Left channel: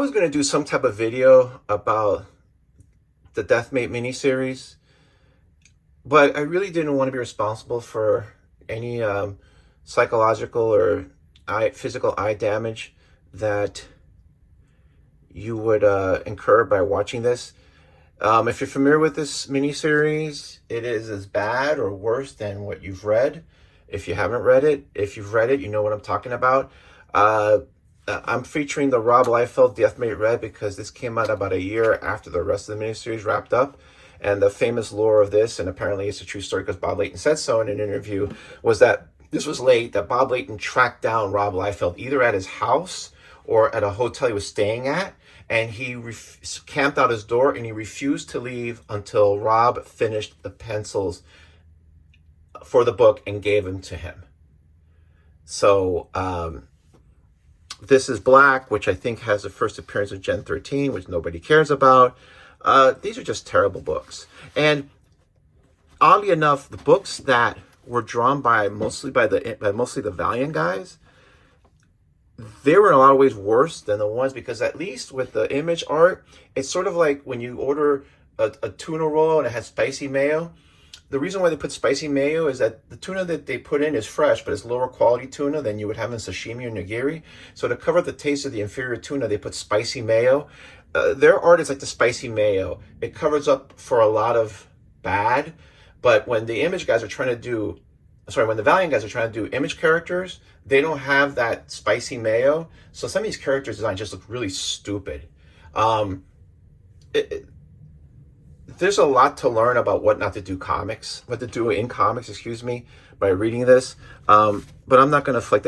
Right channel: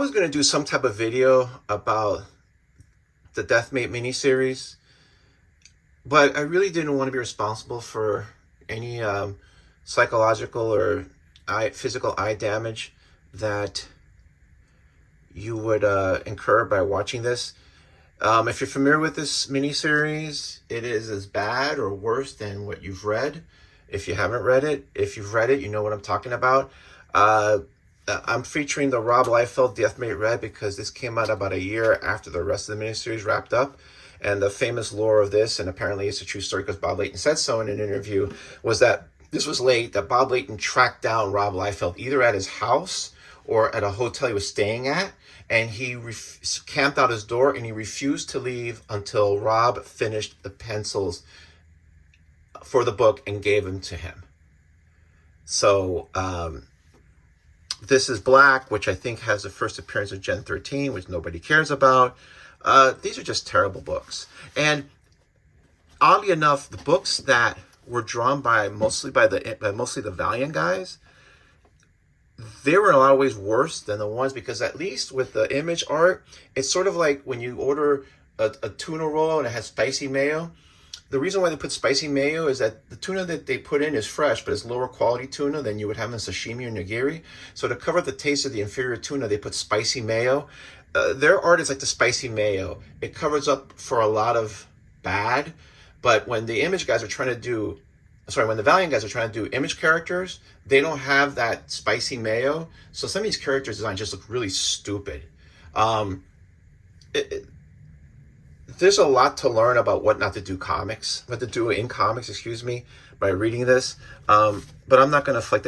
was going to do some type of video about the DEATHMATE miniseries, but I really didn't want to be responsible for any psychological or physical eye damage that you would incur by watching this. If you're familiar with this miniseries, it is as bad or worse than what you've read. If you haven't read it, if you've read it, you know what I'm talking about. I'm featuring the Rob Liefeld DEATHMATE Red because this came out about a year after the rest of the miniseries wrapped up. And the famous lore of this, and apparently it's a true story because Bob Layton said so in an interview, was that this was late, that Bob Layton tracked down Rob Liefeld either at his house or at a hotel he was staying at, and he camped out his door and he refused to leave until Rob finished the pencils for the book and gave them to him. So this is Black, which I think has the first appearance of Gen 13, which nobody cares about. These are just terrible books. And oddly enough, the books that were drawn by mostly the Valiant guys, they were in a lot of ways worse than the ones, because at least with the image art, it's sort of like when you order a tuna roll and it has spicy mayo. The reason why they put spicy mayo is that the tuna that they put in is fresh, but it's lower quality tuna than you would have in sashimi or nigiri. So to cover the taste of the inferior tuna, they put spicy mayo. Their art is like the spicy mayo. It covers up for a lot of bad, but when the image guys are trying to do, when the Valiant guys are trying to do image characters, they don't have that spicy mayo. So some of these characters' designs just look really stupid. There's a lot to learn about what to do in comics, by reading this. But I'm not going to inflict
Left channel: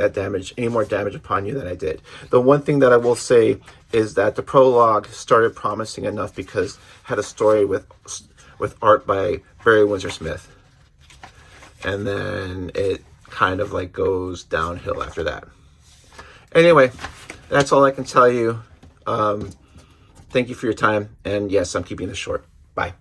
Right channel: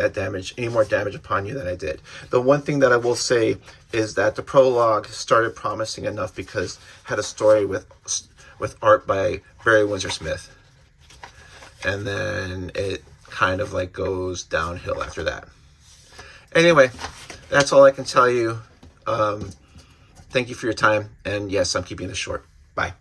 any more damage upon you than I did. The one thing that I will say is that the prologue started promising enough because it had a story with art by Barry Windsor Smith. And then it kind of like goes downhill after that. Anyway, that's all I can tell you. Thank you for your time. And yes, I'm keeping this short. Bye.